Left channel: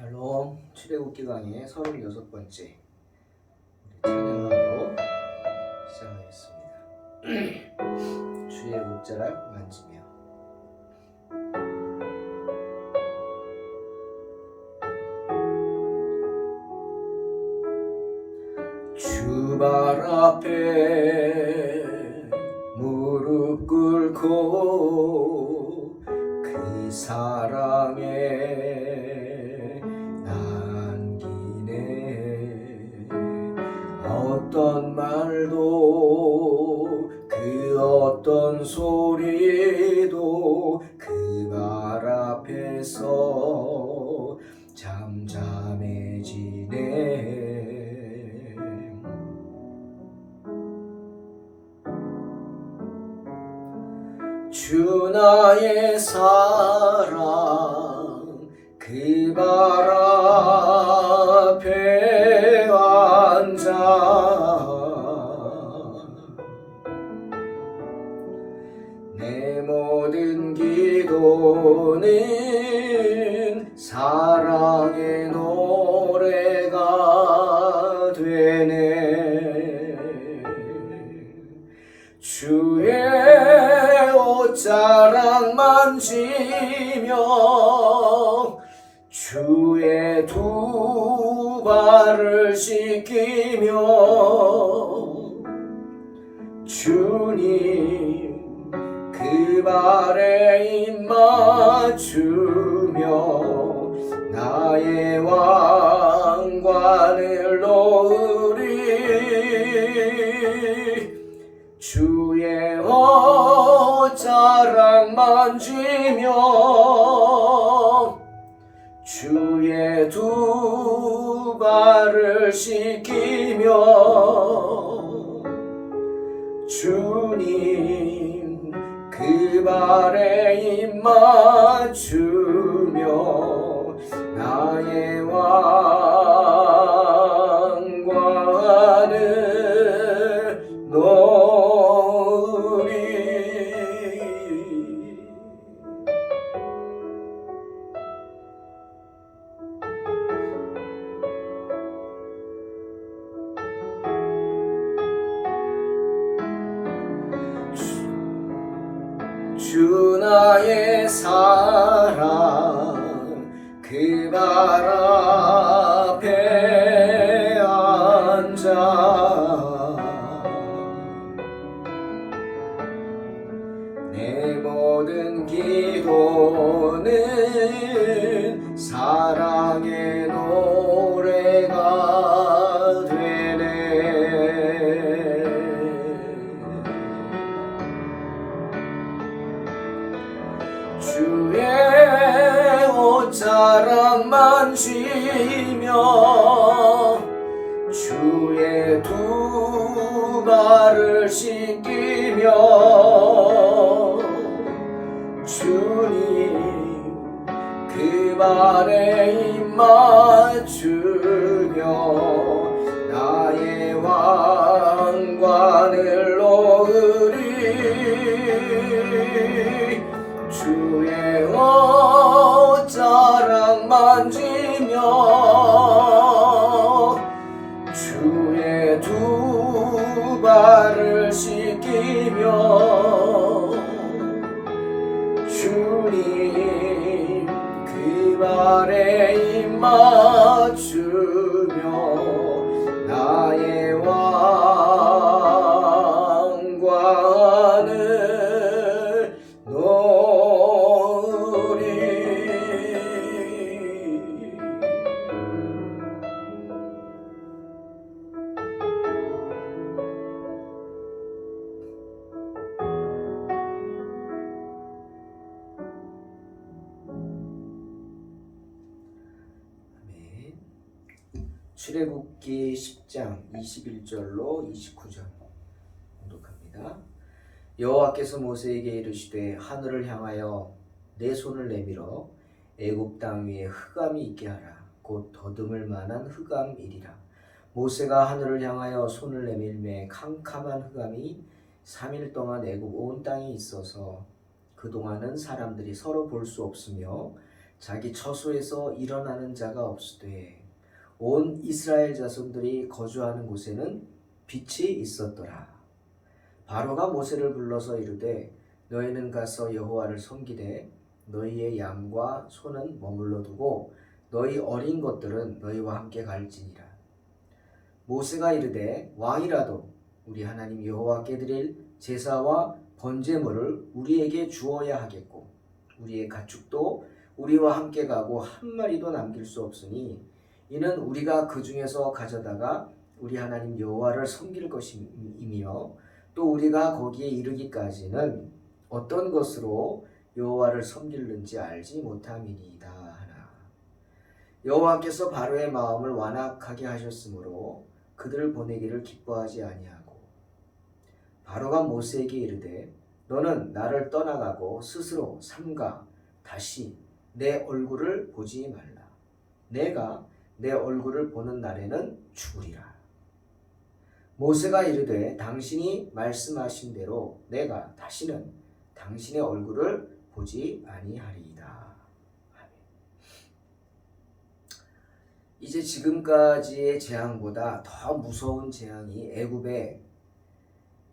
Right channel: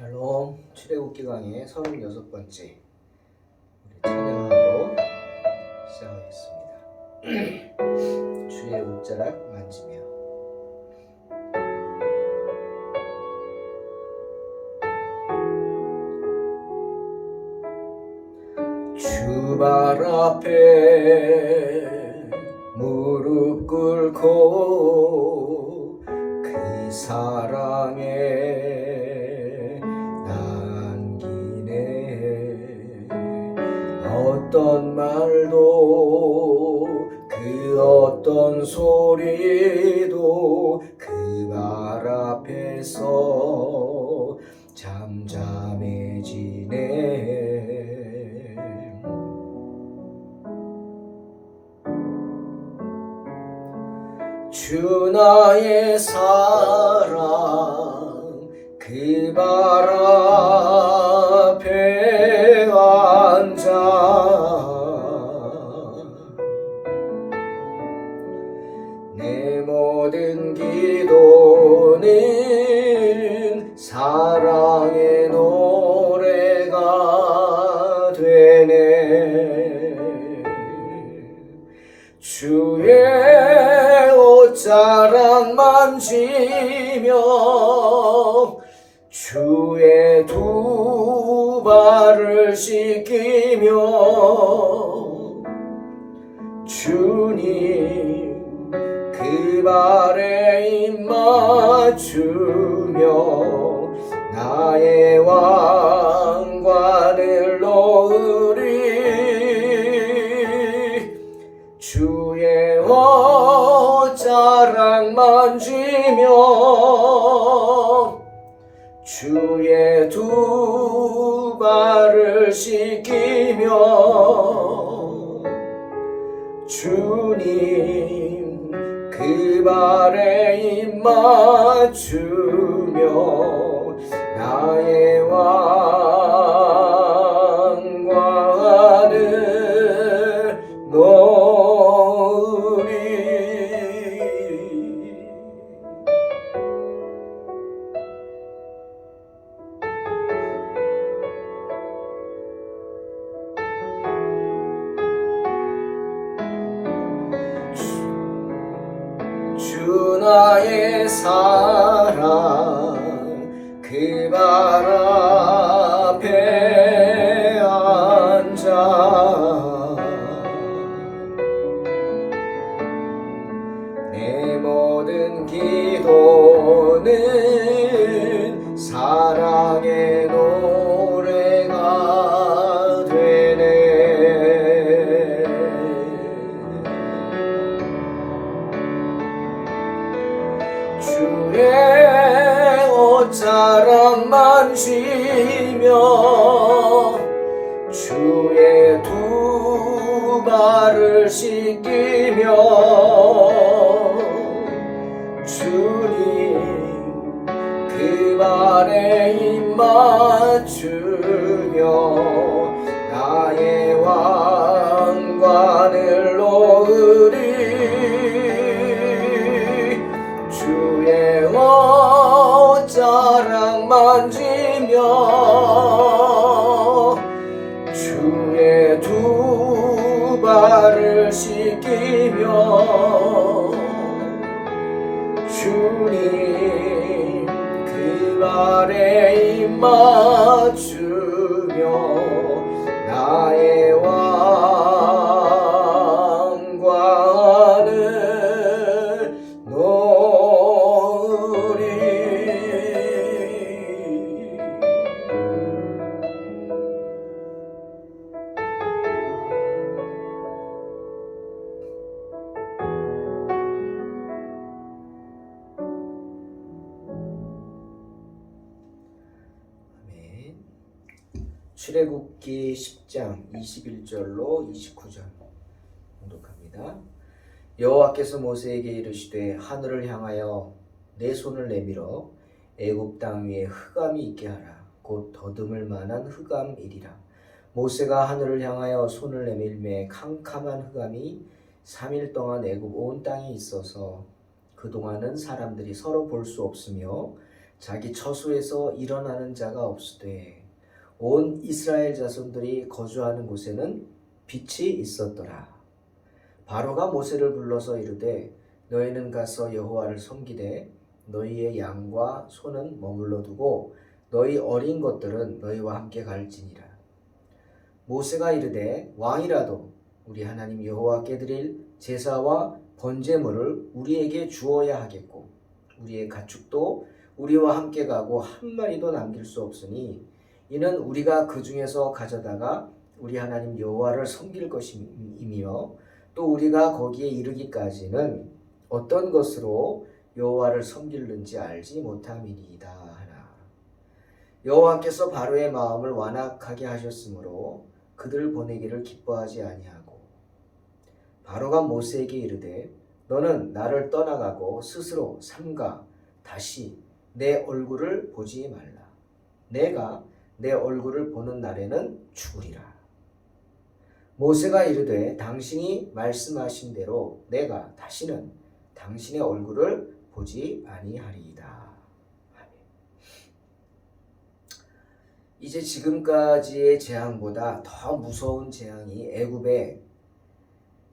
샬롬 출애굽기 강의 36번째 우리 찬양하러 시작하겠습니다. 주의 옷자락 만지며 주 발 앞에 무릎 꿇고 그 사랑에 남기네. 어떤 말도 그 어떤 소리도 그 발 앞에서 잠잠해지네. 주 나의 사랑 그 발 앞에 앉아 내 모든 기도는 사랑의 노래가 되네. 주의 옷자락 만지며 주의 두 발을 씻기며 주님 그 발에 입 맞추며 나의 왕관을 놓으리. 주의 옷자락 만지며 주의 두 발을 씻기며 주님 그 발에 입 맞추며 나의 왕관을 놓으리. 주 나의 사랑 그 발 앞에 앉아 내 모든 기도는 사랑의 노래가 되네. 주의 옷자락 만지며 주의 두 발을 씻기며 주님 그 발에 입 맞추며 나의 왕관을 놓으리. 주의 옷자락 만지며 주의 두 발을 씻기며 주님 그 발에 입 맞추며 나의 왕관을 놓으리. 출애굽기 10장 21절로 29절 봉독합니다. 여호와께서 모세에게 이르시되 하늘을 향하여 내 손을 내밀어 애굽 땅 위에 흑암이 있게 하라. 곧 더듬을 만한 흑암이리라. 모세가 하늘을 향하여 손을 내밀매 캄캄한 흑암이 3일 동안 애굽 온 땅에 있어서 그동안은 사람들이 서로 볼 수 없으며 자기 처소에서 일어나는 자가 없으되 온 이스라엘 자손들이 거주하는 곳에는 빛이 있었더라. 바로가 모세를 불러서 이르되 너희는 가서 여호와를 섬기되 너희의 양과 소는 머물러 두고 너희 어린 것들은 너희와 함께 갈지니라. 모세가 이르되 왕이라도 우리 하나님 여호와께 드릴 제사와 번제물을 우리에게 주어야 하겠고 우리의 가축도 우리와 함께 가고 한 마리도 남길 수 없으니 이는 우리가 그 중에서 가져다가 우리 하나님 여호와를 섬길 것임이며 또 우리가 거기에 이르기까지는 어떤 것으로 여호와를 섬길는지 알지 못함이니이다 하나. 여호와께서 바로의 마음을 완악하게 하셨으므로 그들을 보내기를 기뻐하지 아니하고 바로가 모세에게 이르되 너는 나를 떠나가고 스스로 삼가 다시 내 얼굴을 보지 말라. 내가 내 얼굴을 보는 날에는 죽으리라. 모세가 이르되 당신이 말씀하신 대로 내가 다시는 당신의 얼굴을 보지 아니하리이다. 이제 지금까지의 재앙보다 더 무서운 재앙이 애굽에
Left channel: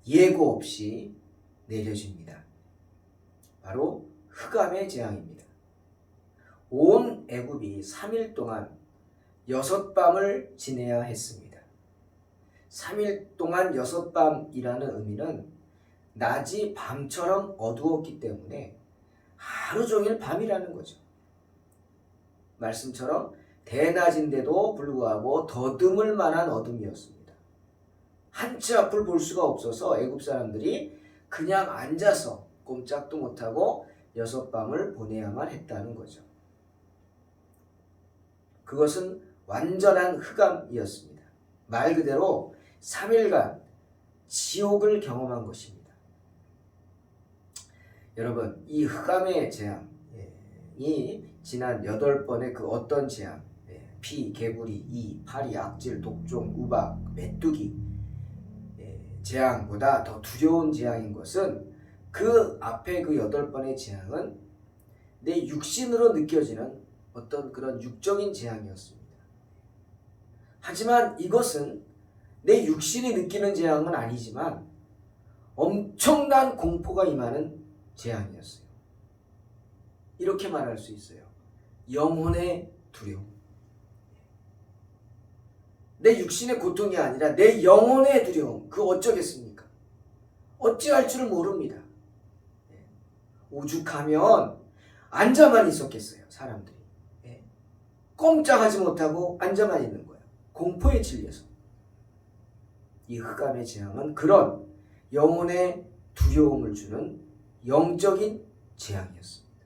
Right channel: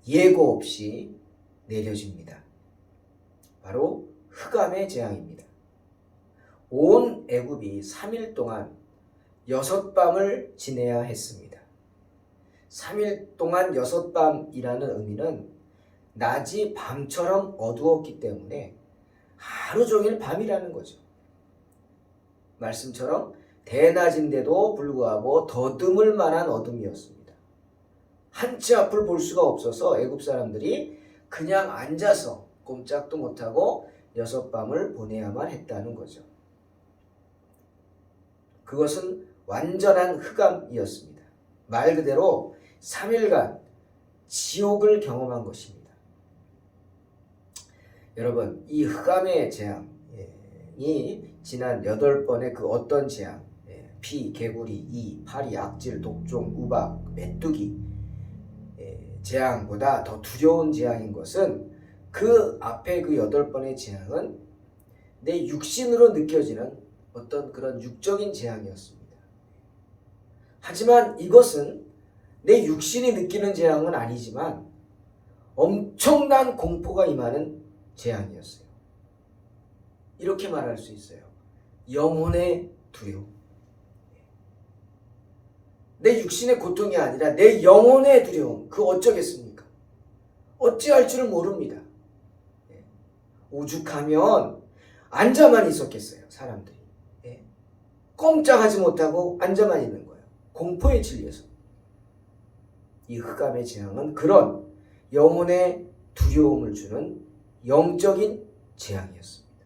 예고 없이 내려집니다. 바로 흑암의 재앙입니다. 온 애굽이 3일 동안 6밤을 지내야 했습니다. 3일 동안 6밤이라는 의미는 낮이 밤처럼 어두웠기 때문에 하루 종일 밤이라는 거죠. 말씀처럼 대낮인데도 불구하고 더듬을 만한 어둠이었습니다. 한치 앞을 볼 수가 없어서 애굽 사람들이 그냥 앉아서 꼼짝도 못하고 6밤을 보내야만 했다는 거죠. 그것은 완전한 흑암이었습니다. 말 그대로 3일간 지옥을 경험한 것입니다. 여러분, 이 흑암의 재앙이 지난 8번의 그 어떤 재앙, 피, 개구리, 이, 파리, 악질, 독종, 우박, 메뚜기 재앙보다 더 두려운 재앙인 것은 그 앞에 그 8번의 재앙은 내 육신으로 느껴지는 어떤 그런 육적인 재앙이었습니다. 하지만 이것은 내 육신이 느끼는 재앙은 아니지만 엄청난 공포가 임하는 재앙이었어요. 이렇게 말할 수 있어요. 영혼의 두려움. 내 육신의 고통이 아니라 내 영혼의 두려움. 그 어쩌겠습니까? 어찌할 줄을 모릅니다. 오죽하면 앉아만 있었겠어요. 사람들이. 꼼짝하지 못하고 앉아만 있는 거예요. 공포에 질려서. 이 흑암의 재앙은 그런 영혼의 두려움을 주는 영적인 재앙이었습니다.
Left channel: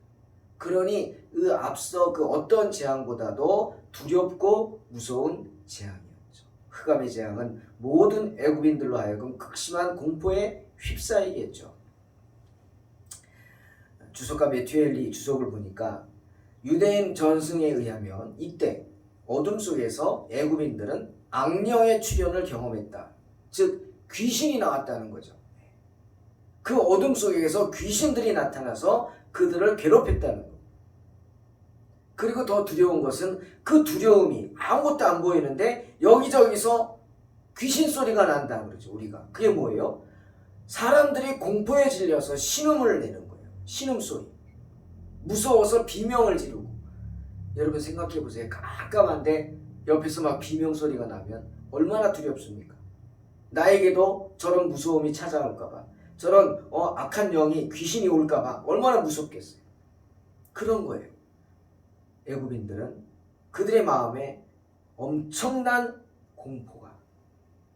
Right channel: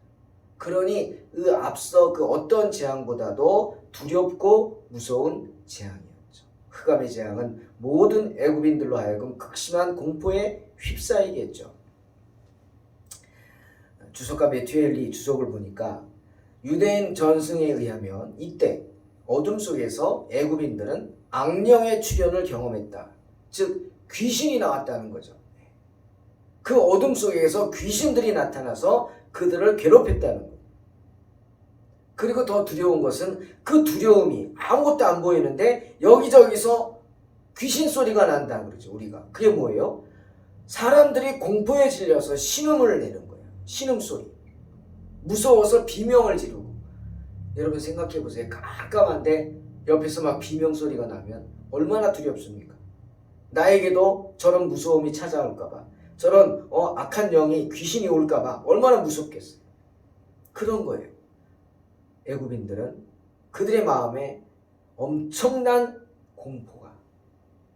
그러니 그 앞서 그 어떤 재앙보다도 두렵고 무서운 재앙이었죠. 흑암의 재앙은 모든 애굽인들로 하여금 극심한 공포에 휩싸이겠죠. 주석가 메튜엘리 주석을 보니까 유대인 전승에 의하면 이때 어둠 속에서 애굽인들은 악령의 출현을 경험했다. 즉 귀신이 나왔다는 거죠. 그 어둠 속에서 귀신들이 나타나서 그들을 괴롭혔다는 거예요. 그리고 더 두려운 것은 그 두려움이 아무것도 안 보이는데 여기저기서 귀신 소리가 난다 그러죠. 우리가 그게 뭐예요? 사람들이 공포에 질려서 신음을 내는 거예요. 신음소리. 무서워서 비명을 지르고. 여러분 생각해 보세요. 깜깜한데 옆에서 막 비명소리가 나면 얼마나 두렵습니까? 나에게도 저런 무서움이 찾아올까봐, 저런 악한 영이 귀신이 올까봐 얼마나 무섭겠어요. 그런 거예요. 애굽인들은 그들의 마음에 엄청난 공포가,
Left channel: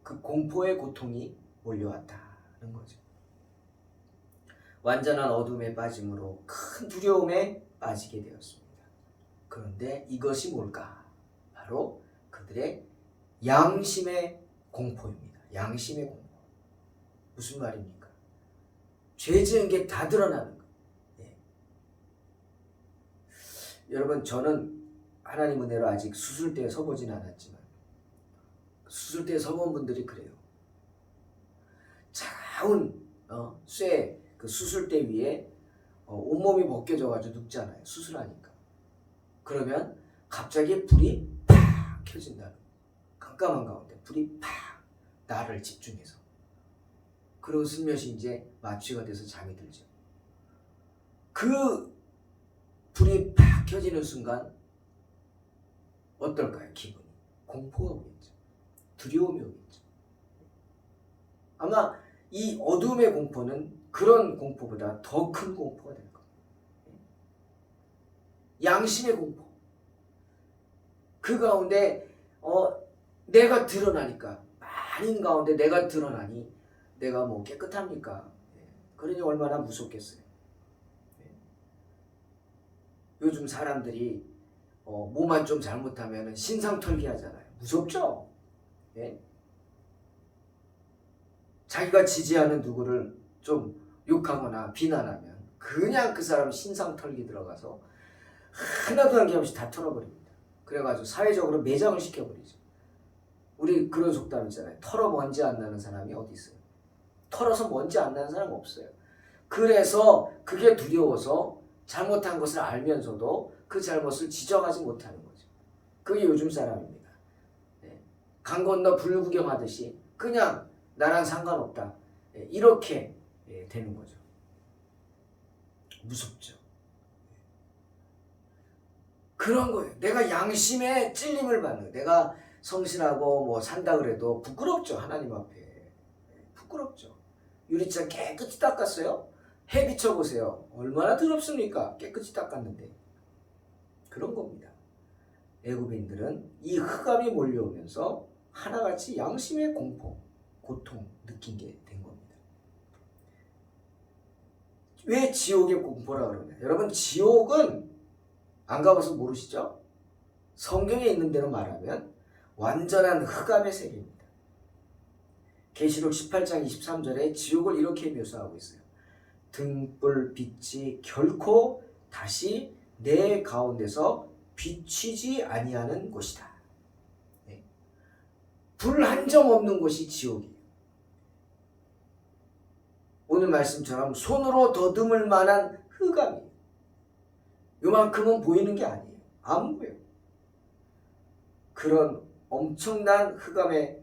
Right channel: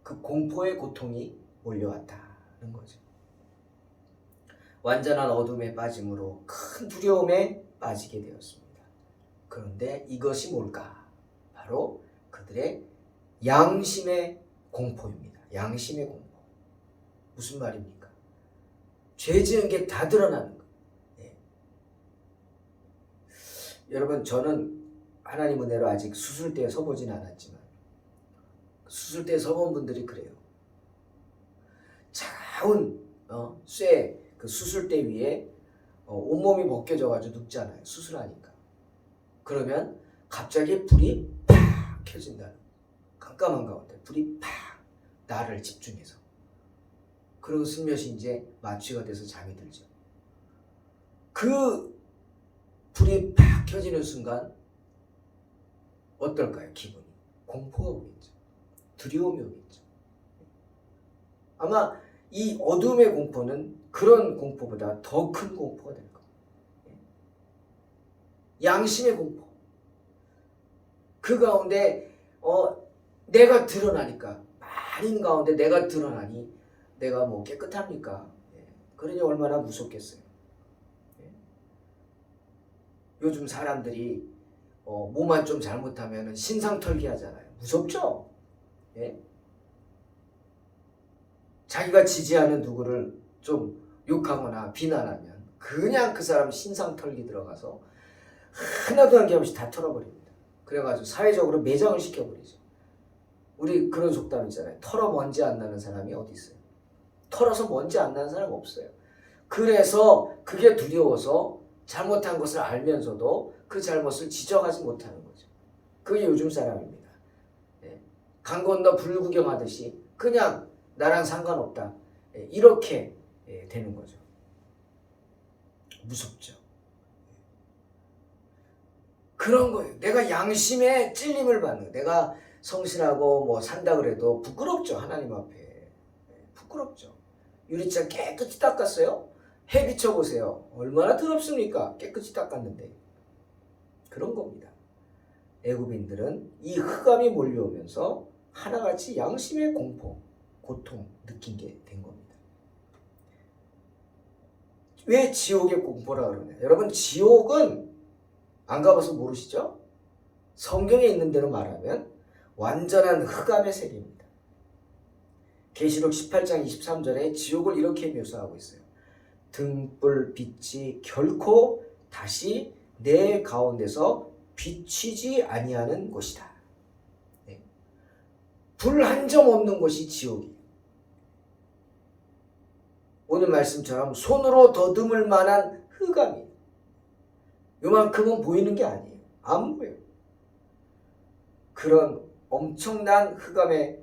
그 공포의 고통이 몰려왔다는 거죠. 완전한 어둠에 빠짐으로 큰 두려움에 빠지게 되었습니다. 그런데 이것이 뭘까? 바로 그들의 양심의 공포입니다. 양심의 공포. 무슨 말입니까? 죄 지은 게 다 드러나는 거예요. 여러분, 저는 하나님 은혜로 아직 수술대에 서보진 않았지만 수술대에 서본 분들이 그래요. 차가운 쇠 그 수술대 위에 온몸이 벗겨져가지고 눕잖아요. 수술하니까. 그러면 갑자기 불이 팍 켜진다는 거예요. 깜깜한 가운데 불이 팍 나를 집중해서. 그리고 슬며시 이제 마취가 돼서 잠이 들죠. 그 불이 팍 켜지는 순간 어떨까요? 기분이. 공포가 오겠죠. 두려움이 오겠죠. 아마 이 어둠의 공포는 그런 공포보다 더 큰 공포가 될 겁니다. 양심의 공포. 그 가운데 내가 드러나니까, 많은 가운데 내가 드러나니 내가 뭐 깨끗합니까? 그러니 얼마나 무섭겠어요. 요즘 사람들이 뭐만 좀 잘못하면 신상털기 하잖아요. 무섭죠? 예? 자기가 지지하는 누구를 좀 욕하거나 비난하면 그냥 그 사람 신상털기 들어가서 하나도 한 게 없이 다 털어버립니다. 그래가지고 사회적으로 매장을 시켜버리죠. 우리 그런 속담 있잖아요. 털어 먼지 안 나는 사람이 어디 있어요? 털어서 먼지 안 나는 사람 없어요. 그래서 그게 두려워서 잘못한 것을 알면서도 그 잘못을 지적하지 못하는 거죠. 그게 요즘 사람입니다. 강 건너 불 구경하듯이 그냥 나랑 상관없다. 이렇게 되는 거죠. 무섭죠. 그런 거예요. 내가 양심에 찔림을 받는, 내가 성실하고 뭐 산다 그래도 부끄럽죠. 하나님 앞에. 부끄럽죠. 유리창 깨끗이 닦았어요. 해 비춰보세요. 얼마나 더럽습니까? 깨끗이 닦았는데. 그런 겁니다. 애굽인들은 이 흑암이 몰려오면서 하나같이 양심의 공포, 고통 느낀 게 된 겁니다. 왜 지옥의 공포라 그러냐? 여러분, 지옥은 안 가봐서 모르시죠? 성경에 있는 대로 말하면 완전한 흑암의 세계입니다. 계시록 18장 23절에 지옥을 이렇게 묘사하고 있어요. 등불 빛이 결코 다시 내 가운데서 비치지 아니하는 곳이다. 네. 불 한 점 없는 곳이 지옥이에요. 오늘 말씀처럼 손으로 더듬을 만한 흑암이에요. 요만큼은 보이는 게 아니에요. 안 보여요. 그런 엄청난 흑암의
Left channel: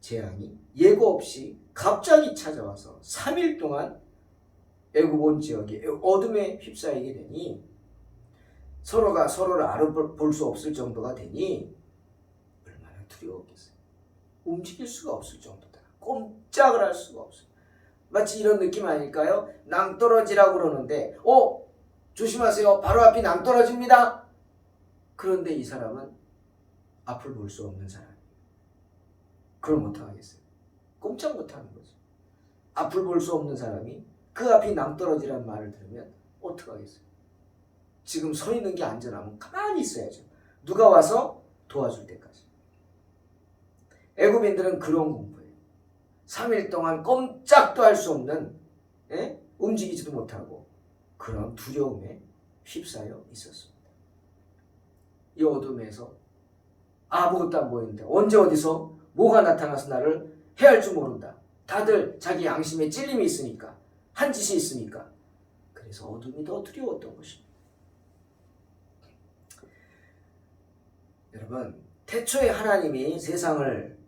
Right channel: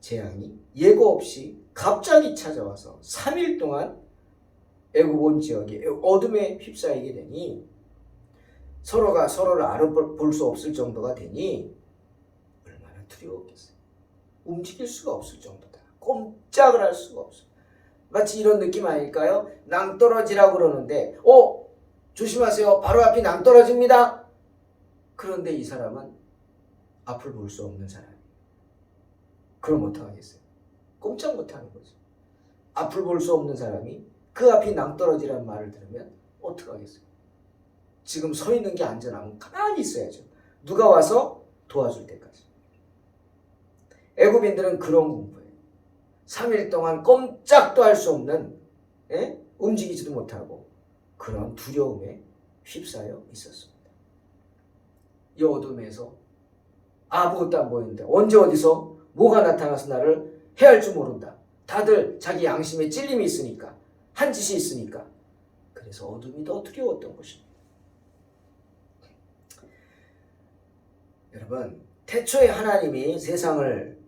재앙이 예고 없이 갑자기 찾아와서 3일 동안 애굽 온 지역이 어둠에 휩싸이게 되니 서로가 서로를 알아볼 수 없을 정도가 되니 얼마나 두려웠겠어요. 움직일 수가 없을 정도다. 꼼짝을 할 수가 없어요. 마치 이런 느낌 아닐까요? 낭떠러지라고 그러는데 조심하세요. 바로 앞이 낭떠러집니다. 그런데 이 사람은 앞을 볼 수 없는 사람이에요. 그럼 어떡하겠어요? 꼼짝 못하는 거죠. 앞을 볼 수 없는 사람이 그 앞이 낭떠러지라는 말을 들으면 어떡하겠어요? 지금 서 있는 게 안전하면 가만히 있어야죠. 누가 와서 도와줄 때까지. 애굽인들은 그런 공포예요. 3일 동안 꼼짝도 할 수 없는, 움직이지도 못하고 그런 두려움에 휩싸여 있었습니다. 이 어둠에서 아무것도 안 보이는데 언제 어디서 뭐가 나타나서 나를 해할 줄 모른다. 다들 자기 양심에 찔림이 있으니까, 한 짓이 있으니까. 그래서 어둠이 더 두려웠던 것입니다. 여러분, 태초에 하나님이 세상을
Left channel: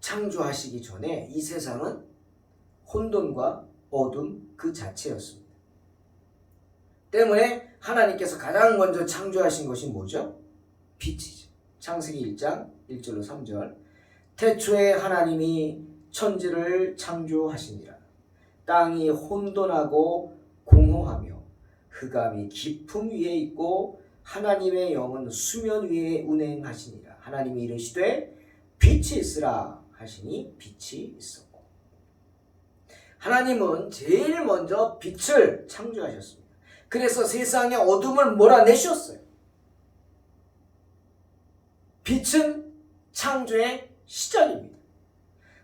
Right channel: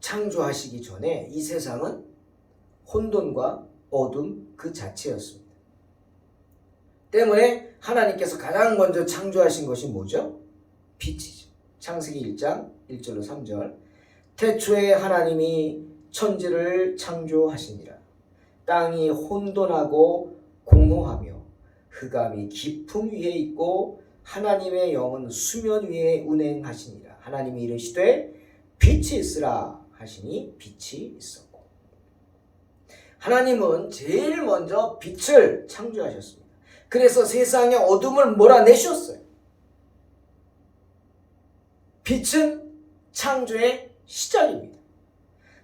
창조하시기 전에 이 세상은 혼돈과 어둠 그 자체였습니다. 때문에 하나님께서 가장 먼저 창조하신 것이 뭐죠? 빛이죠. 창세기 1장 1절로 3절. 태초에 하나님이 천지를 창조하시니라. 땅이 혼돈하고 공허하며 흑암이 깊음 위에 있고 하나님의 영은 수면 위에 운행하시니라. 하나님이 이르시되 빛이 있으라 하시니 빛이 있었고. 하나님은 제일 먼저 빛을 창조하셨습니다. 그래서 세상의 어둠을 몰아내셨어요. 빛은 창조의 시작입니다.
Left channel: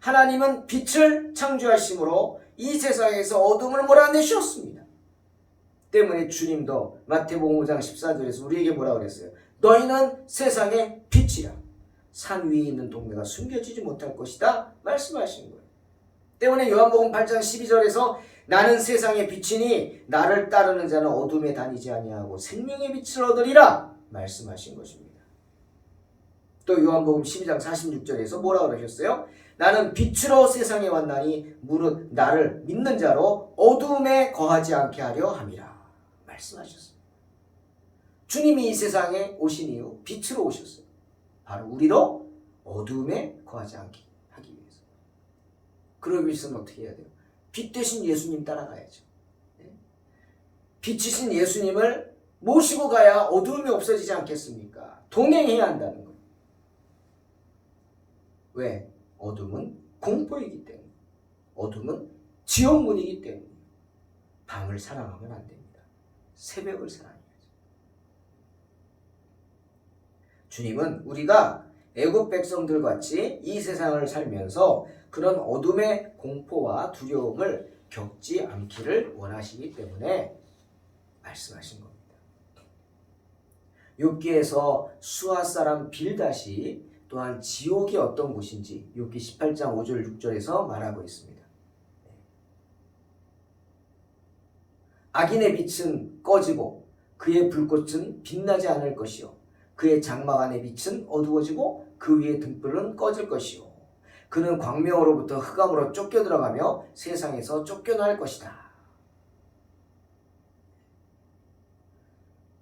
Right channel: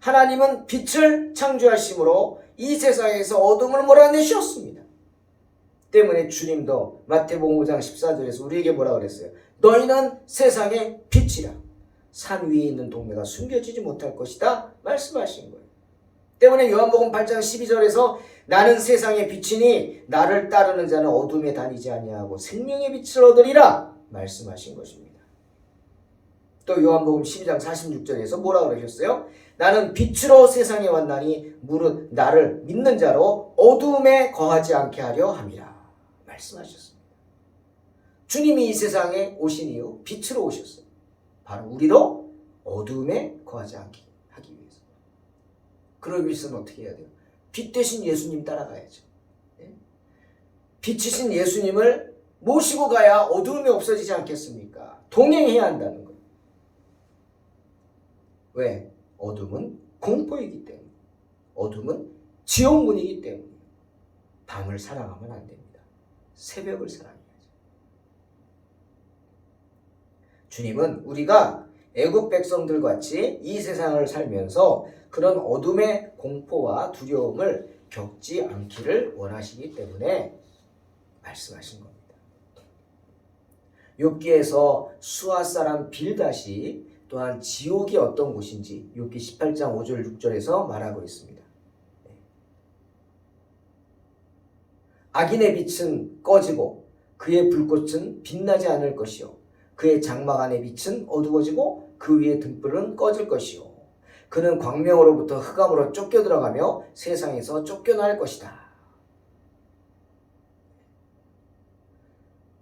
하나님은 빛을 창조하심으로 이 세상에서 어둠을 몰아내셨습니다. 때문에 주님도 마태복음 5장 14절에서 우리에게 뭐라 그랬어요? 너희는 세상의 빛이라. 산 위에 있는 동네가 숨겨지지 못할 것이다 말씀하신 거예요. 때문에 요한복음 8장 12절에서 나는 세상의 빛이니 나를 따르는 자는 어둠에 다니지 아니하고 생명의 빛을 얻으리라 말씀하신 것입니다. 또 요한복음 12장 46절에서 뭐라 그러셨어요? 나는 빛으로 세상에 왔나니 무릇 나를 믿는 자로 어두움에 거하지 않게 하려 함이라 말씀하셨습니다. 주님이 이 세상에 오신 이유 빛으로 오셨어요. 바로 우리로 어두움에 거하지 않게 하기 위해서. 그러기 위해서는 어떻게 해야 돼요? 빛 대신 예수님 따라가야죠. 빛이신 예수님을 모시고 가야 어두움이 없어지지 않겠습니까? 동행해야 한다는 거예요. 왜? 어둠은 공포이기 때문에, 어둠은 지옥문이기 때문에 밤을 사랑하면 안 됩니다. 새벽을 사랑해야죠. 주님은 우리가 애굽 백성들 같이 이 세상을 살면서 그런 어둠의 공포와 두려움을 겪지 않기를 원하시기 때문에 말씀하신 겁니다. 욥기에서 수아 사람 빌닷이 또한 지옥이 어떤 곳인지 욥기 18장 5절 6절에서 말하고 있습니다. 악인의 빛은 꺼지고 그의 불꽃은 빛나지 않을 것이요 그의 장막 안의 빛은 어두워지고 그 위의 등불은 꺼질 것이요 그는 광명으로부터 흑암으로 쫓겨 들어가며 세상에서 쫓겨날 것이다.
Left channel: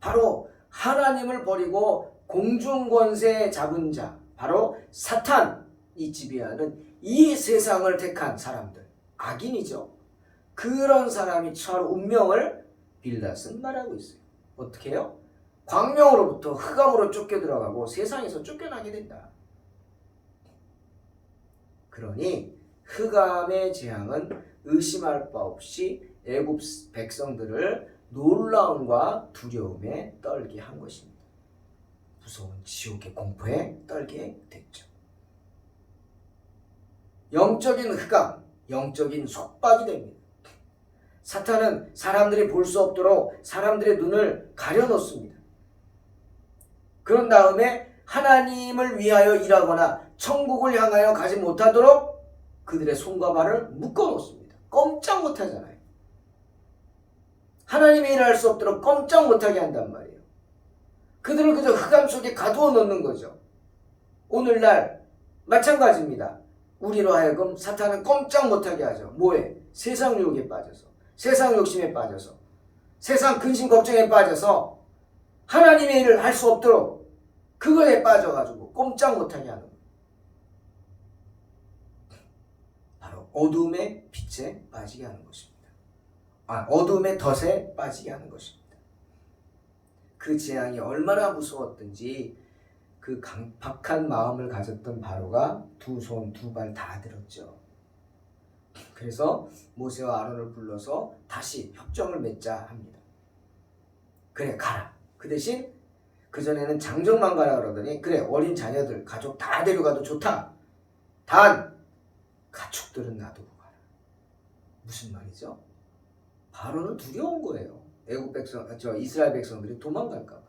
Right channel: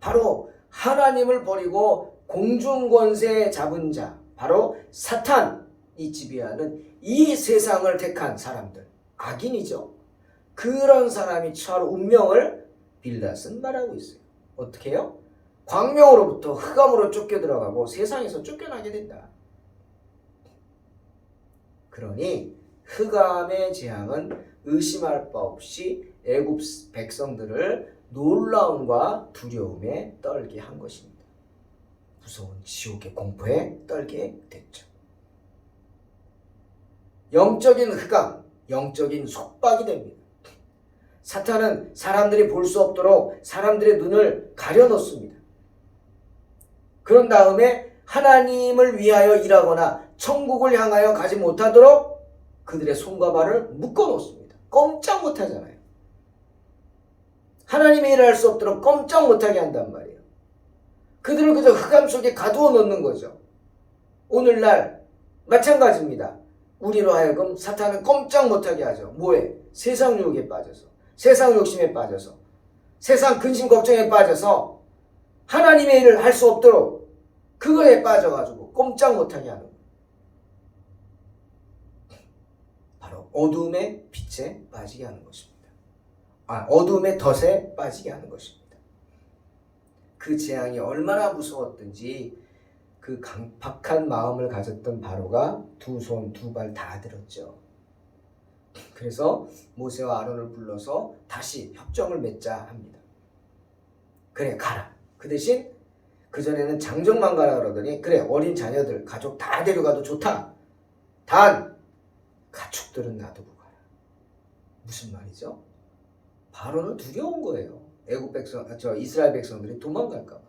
바로 하나님을 버리고 공중권세 잡은 자, 바로 사탄이 지배하는 이 세상을 택한 사람들, 악인이죠. 그런 사람이 처할 운명을 빌닷은 말하고 있어요. 어떻게 해요? 광명으로부터 흑암으로 쫓겨 들어가고 세상에서 쫓겨나게 된다. 그러니 흑암의 재앙은 의심할 바 없이 애굽 백성들을 놀라움과 두려움에 떨게 한 것입니다. 무서운 지옥의 공포에 떨게 됐죠. 영적인 흑암, 영적인 속박이 됩니다. 사탄은 사람들이 볼 수 없도록 사람들의 눈을 가려놓습니다. 그런 다음에 하나님을 위하여 일하거나 천국을 향하여 가지 못하도록 그들의 손과 발을 묶어놓습니다. 꼼짝 못하잖아요. 하나님의 일을 할 수 없도록 꼼짝 못하게 한단 말이에요. 그들을 그저 흑암 속에 가두어 놓는 거죠. 오늘날 마찬가지입니다. 우리로 하여금 사탄은 꼼짝 못하게 하죠. 뭐에? 세상 유혹에 빠져서, 세상 욕심에 빠져서, 세상 근심 걱정에 빠져서 하나님의 일을 할 수 없도록 그거에 빠져가지고 꼼짝 못하게 하는 거예요. 바로 어두움의 빛에 빠지게 하는 것입니다. 어둠의 덫에 빠지게 하는 것입니다. 그 재앙이 얼마나 무서웠든지 그 강박한 마음을 가졌던 바로가 두 손 두 발 다 들었죠. 그래서 모세와 아론을 불러서 다시 협정을 맺자 합니다. 그래 가라. 그 대신 그전에는 장정만 가라 그러더니 그래 어린 자녀들 가족 다 데려가도 좋다. 단 가축들은 놔두고 가라. 무슨 말이죠? 바로는 두려운 거예요. 애굽 백성, 이스라엘 백성들이 도망갈까 봐.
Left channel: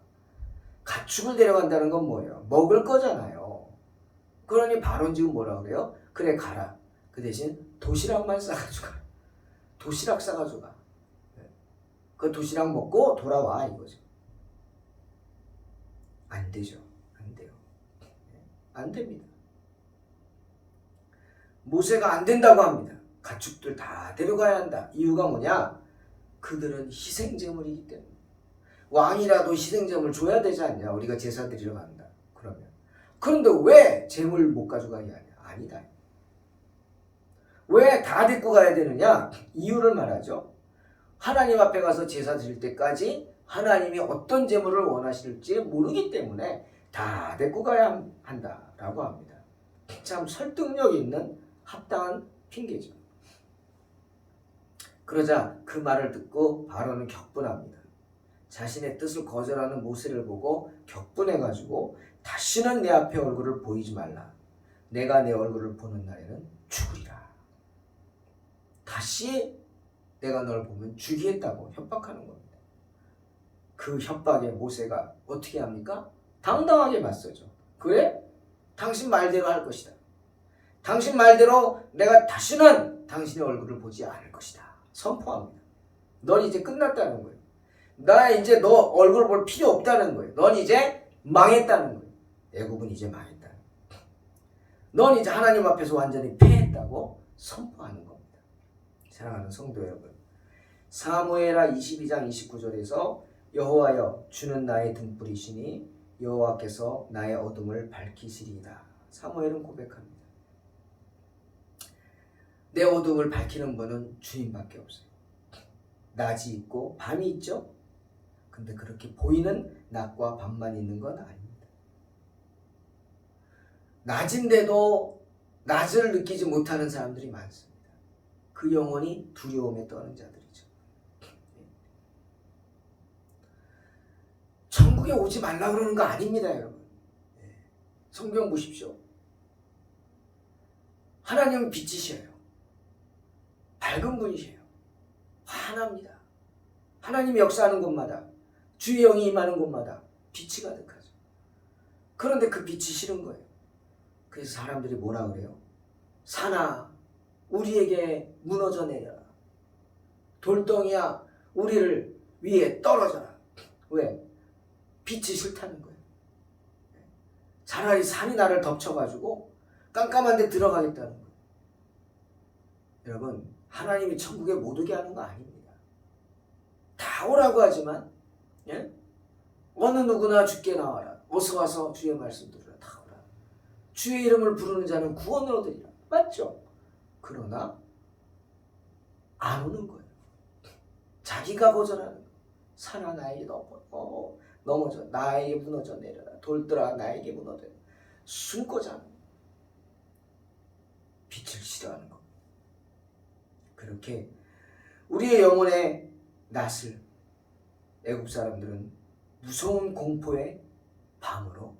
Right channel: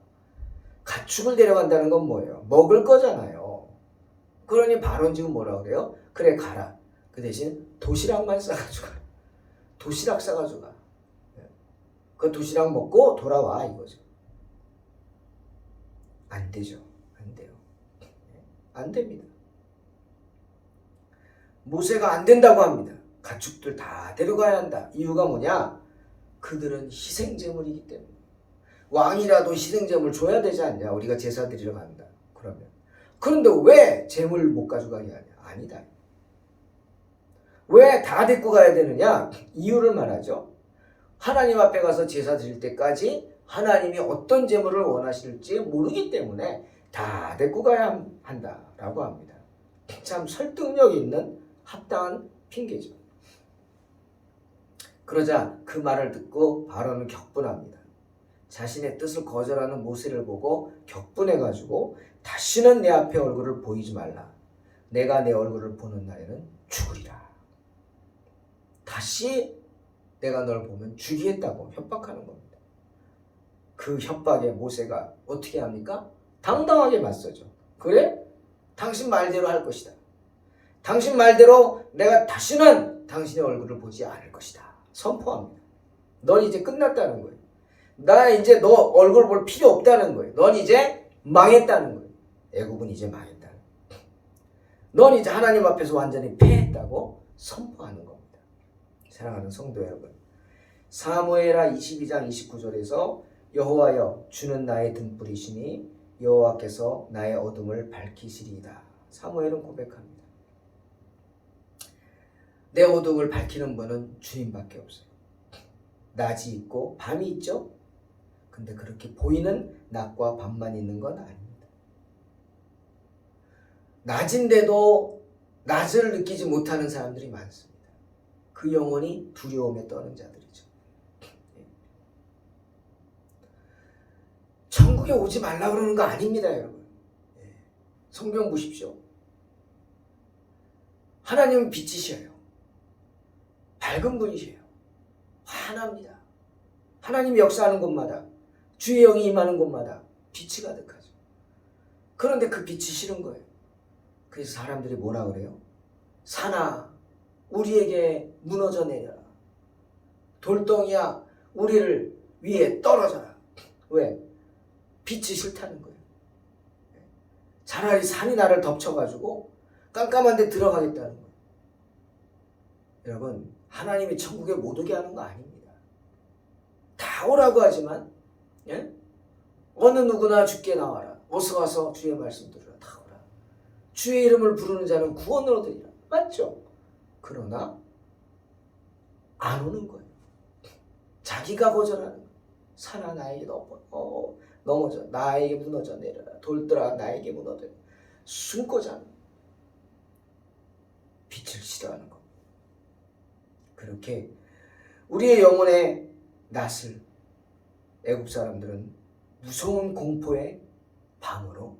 가축을 데려간다는 건 뭐예요? 먹을 거잖아요. 그러니 바로는 지금 뭐라 그래요? 그래 가라. 그 대신 도시락만 싸가지고 가라. 도시락 싸가지고 가. 그 도시락 먹고 돌아와 이거죠. 안 되죠. 안 돼요. 안 됩니다. 모세가 안 된다고 합니다. 가축들 다 데려가야 한다. 이유가 뭐냐? 그들은 희생제물이기 때문에. 왕이라도 희생제물 줘야 되지 않냐? 우리가 제사 드리러 간다. 그러면. 그런데 왜 제물 못 가져가냐? 아니다. 왜 다 데리고 가야 되느냐? 이유를 말하죠. 하나님 앞에 가서 제사 드릴 때까지 하나님이 어떤 제물을 원하실지 모르기 때문에 다 데리고 가야 한다라고 합니다. 참 설득력 있는 합당한 핑계죠. 그러자 그 말을 듣고 바로는 격분합니다. 자신의 뜻을 거절하는 모세를 보고 격분해가지고 다시는 내 앞에 얼굴을 보이지 말라. 내가 내 얼굴을 보는 날에는 죽으리라. 다시 내가 널 보면 죽이겠다고 협박하는 겁니다. 그 협박에 모세가 어떻게 합니까? 당당하게 맞서죠. 그래? 당신 말대로 할 것이다. 당신 말대로 내가 다시는 당신의 얼굴을 보지 않을 것이다. 선포합니다. 넌 이제 끝났다는 거예요. 나 이제 너 얼굴 볼 필요 없다는 거예요. 넌 이제 망했다는 거예요. 애굽은 이제 망했다는 거예요. 넌 이제 하나님 앞에서 완전히 패했다고 선포하는 겁니다. 사랑하는 성도 여러분, 사무엘하 22장 29절에서 여호와여 주는 나의 등불이시니 여호와께서 나의 어둠을 밝히시리이다. 사무엘은 고백합니다. 내 어둠을 밝히는 분은 주님밖에 없어요. 낮이 있고 밤이 있죠. 근데 그렇게 보이는 낮과 밤만 있는 건 아닙니다. 낮인데도 낮을 느끼지 못하는 사람들이 많습니다. 그 영혼이 두려움에 떠는 자들이죠. 천국에 오지 말라 그러는 거 아닙니다, 여러분. 성경 보십시오. 하나님은 빛이셔요. 밝은 분이세요. 환합니다. 하나님이 역사하는 곳마다, 주의 영이 임하는 곳마다 빛이 가득하죠. 그런데 그 빛이 싫은 거예요. 그래서 사람들이 뭐라 그래요? 산아, 우리에게 무너져 내려라. 돌덩이야, 우리를 위에 떨어져라. 왜? 빛이 싫다는 거예요. 차라리 산이 나를 덮쳐가지고 깜깜한 데 들어가겠다는 거예요. 여러분, 하나님이 천국에 못 오게 하는 거 아닙니다. 다 오라고 하지만 어느 누구나 주께 나와라. 어서 와서 주의 말씀 들으라. 다 오라. 주의 이름을 부르는 자는 구원을 얻으리라. 맞죠? 그러나 안 오는 거예요. 자기가 거절하는 거예요. 산아 나에게 넘어져. 나에게 무너져 내려라. 돌들아 나에게 무너져. 숨고자 하는 거예요. 빛을 싫어하는 거. 그렇게 우리의 영혼의 낯을 애굽 사람들은 무서운 공포의 밤으로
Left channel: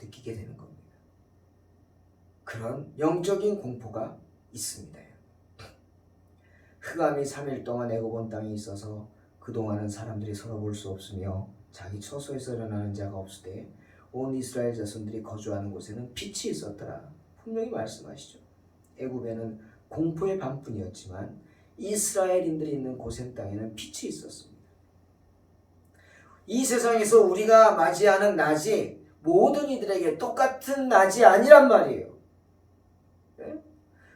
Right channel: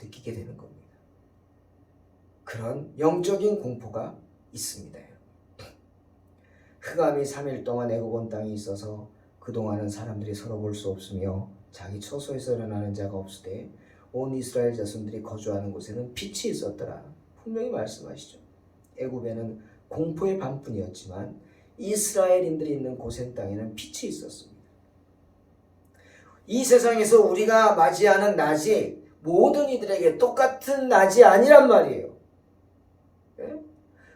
느끼게 되는 겁니다. 그런 영적인 공포가 있습니다. 흑암이 3일 동안 애굽 온 땅에 있어서 그동안은 사람들이 서로 볼 수 없으며 자기 처소에서 일어나는 자가 없으되 온 이스라엘 자손들이 거주하는 곳에는 빛이 있었더라. 분명히 말씀하시죠. 애굽에는 공포의 밤뿐이었지만 이스라엘인들이 있는 고센 땅에는 빛이 있었습니다. 이 세상에서 우리가 맞이하는 낮이 모든 이들에게 똑같은 낮이 아니란 말이에요.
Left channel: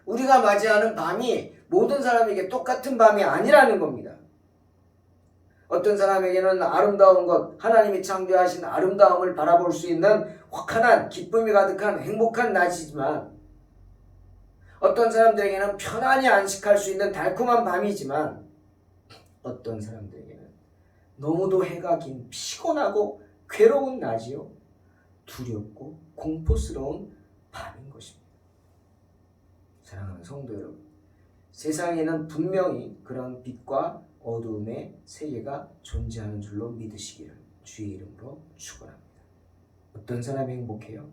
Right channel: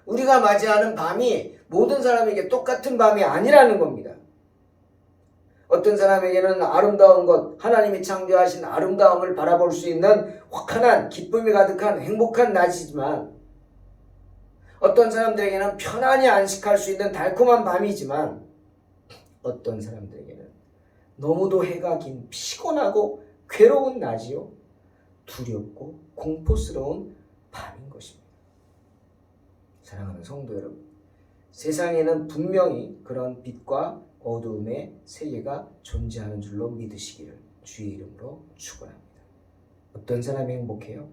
우리가 맞이하는 밤이 모든 사람에게 똑같은 밤이 아니라는 겁니다. 어떤 사람에게는 아름다운 것, 하나님이 창조하신 아름다움을 바라볼 수 있는 환한 기쁨이 가득한 행복한 낮이지만, 어떤 사람들에게는 편안히 안식할 수 있는 달콤한 밤이지만, 어떤 사람들에게는 너무도 해가 긴 피곤하고 괴로운 낮이요, 두렵고 공포스러운 밤인 것입니다. 사랑하는 성도 여러분, 세상에는 분명히 그런 빛과 어두움의 세계가 존재하는 줄로 믿으시기를 주의 이름으로 축원합니다. 어떤 사람이 행복해요?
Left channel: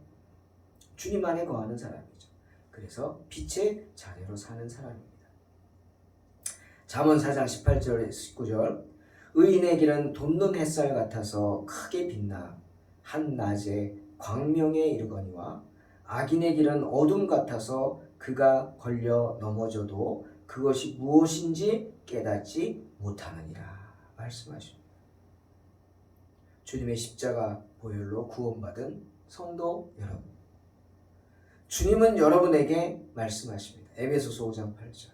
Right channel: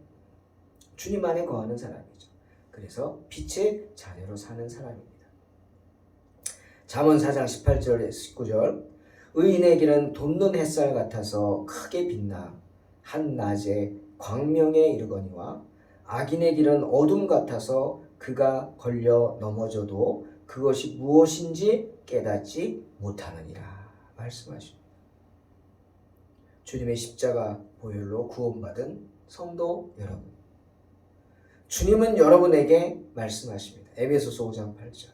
주님 안에 거하는 사람이죠. 그래서 빛의 자녀로 사는 사람입니다. 잠언 4장 18절 19절 의인의 길은 돋는 햇살 같아서 크게 빛나 한낮에 광명에 이르거니와 악인의 길은 어둠 같아서 그가 걸려 넘어져도 그것이 무엇인지 깨닫지 못하느니라 말씀하십니다. 주님의 십자가 보혈로 구원받은 성도 여러분, 주님은 여러분에게 말씀하십니다. 에베소서 5장 8절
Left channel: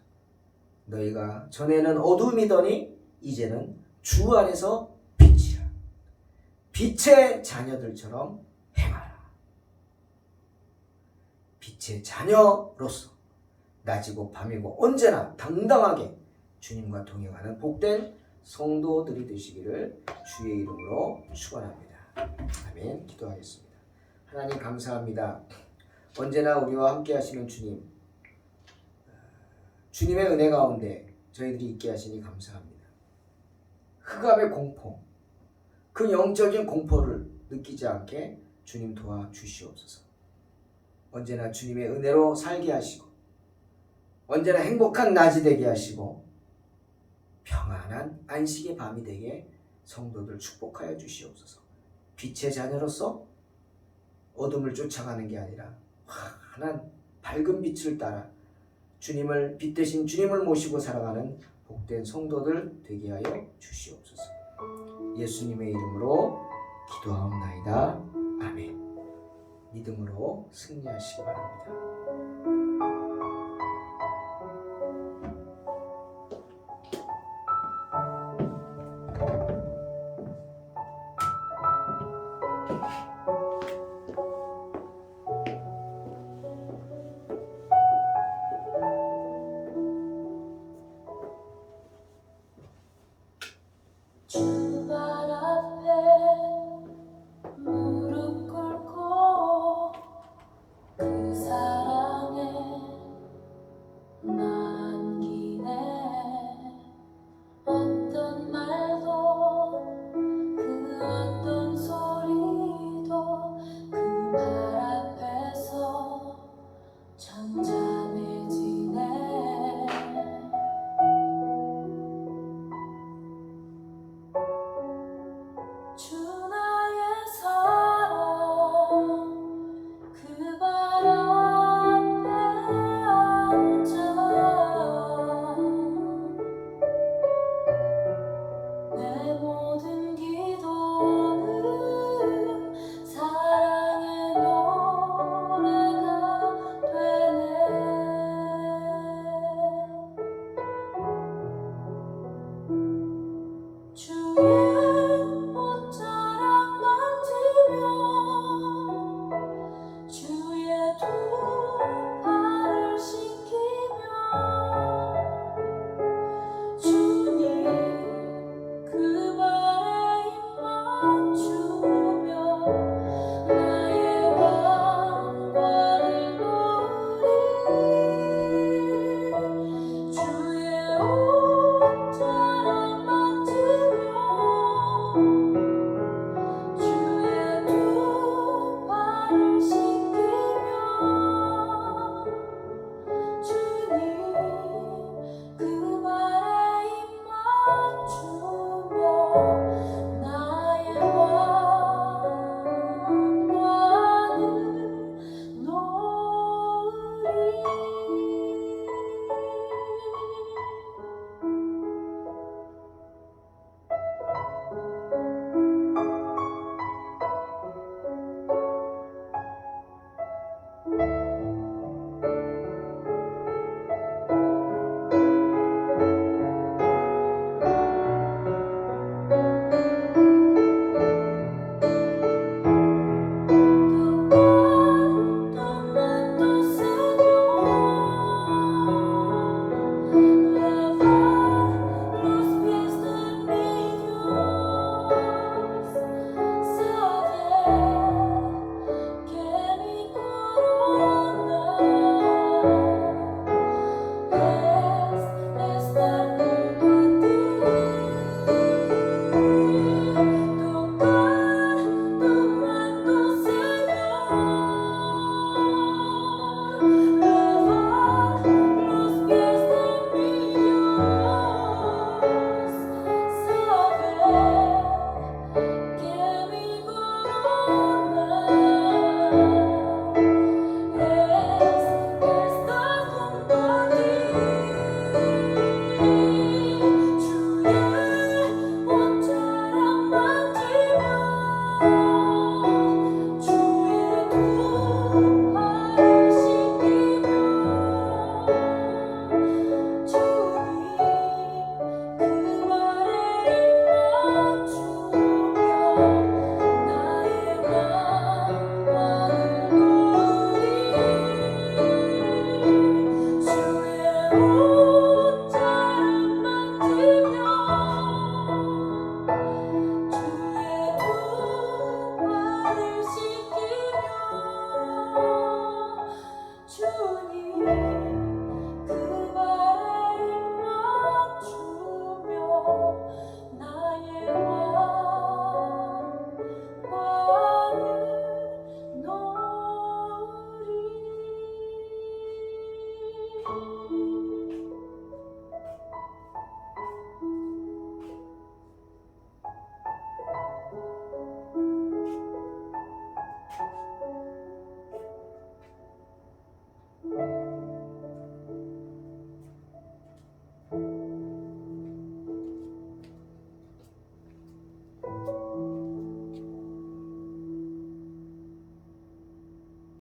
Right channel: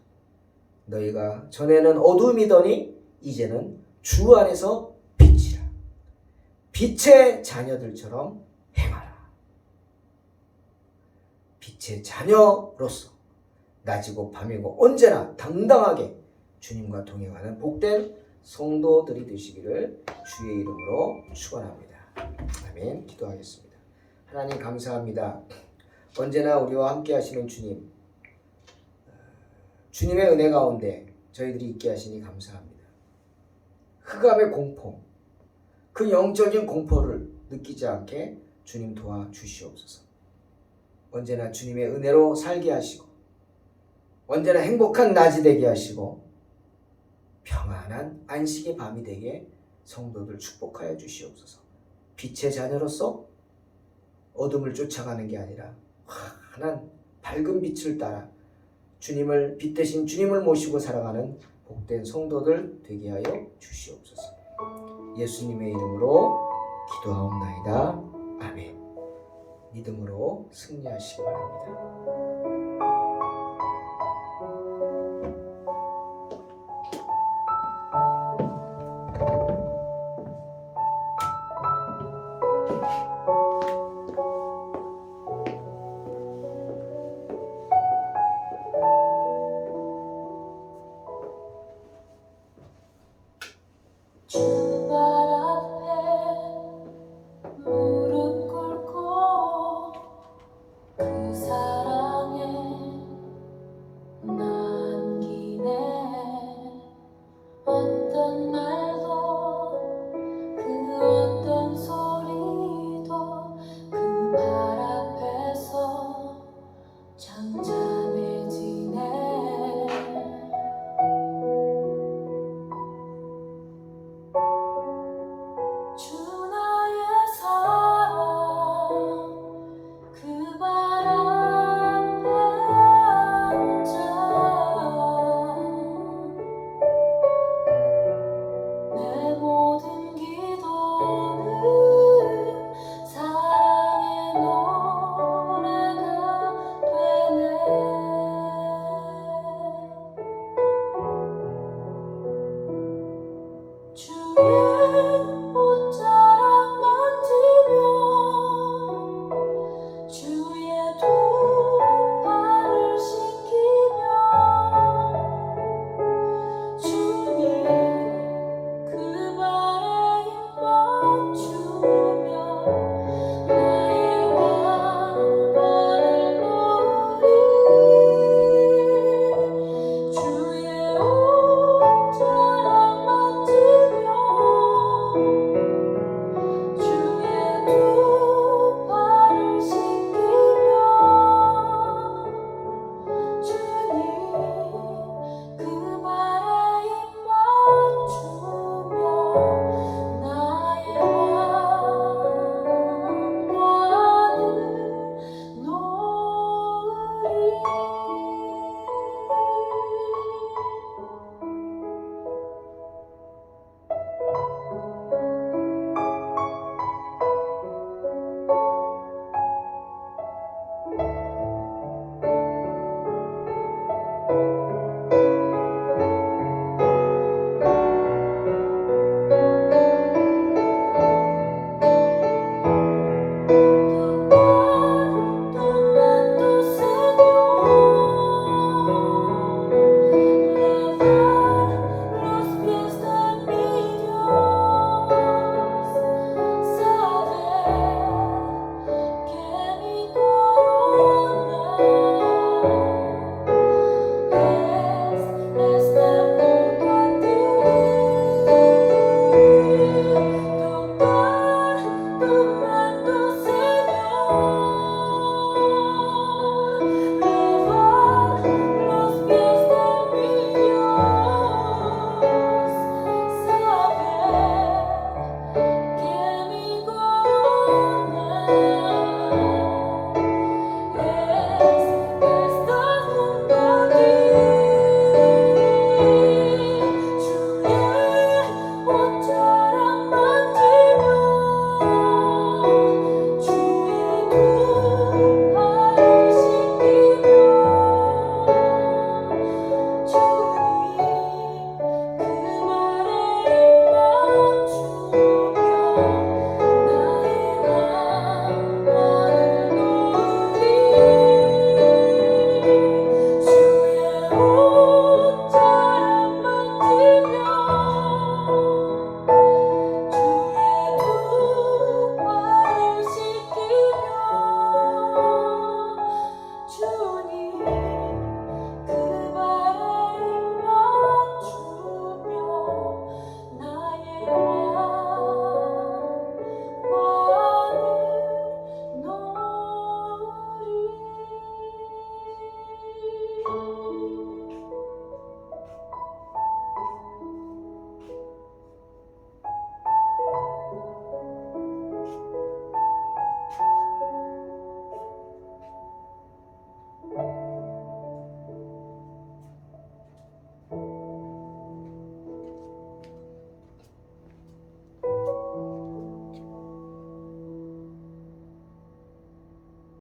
너희가 전에는 어둠이더니 이제는 주 안에서 빛이라. 빛의 자녀들처럼 행하라. 빛의 자녀로서 낮이고 밤이고 언제나 당당하게 주님과 동행하는 복된 성도들이 되시기를 주의 이름으로 축원합니다. 아멘. 기도하겠습니다. 하나님 감사합니다. 언제나 우리와 함께 하시는 주님, 주님의 은혜 가운데 저희들이 있게 하시니 감사합니다. 흑암의 공포, 그 영적인 공포를 느끼지 않게 주님 도와주시옵소서. 언제나 주님의 은혜로 살게 하시고 언제나 행복한 낮이 되게 하시고 평안한 안식의 밤이 되게 성도들 축복하여 주시옵소서. 빛의 자녀로서 어둠을 쫓아가는 게 아니라 환한 밝은 빛을 따라 주님을 빛 대신 주님을 모시고 살아가는 복된 성도들 되게 하여 주시옵소서. 예수님의 이름으로 기도하옵나이다. 아멘. 믿음으로 승리하시기 바랍니다.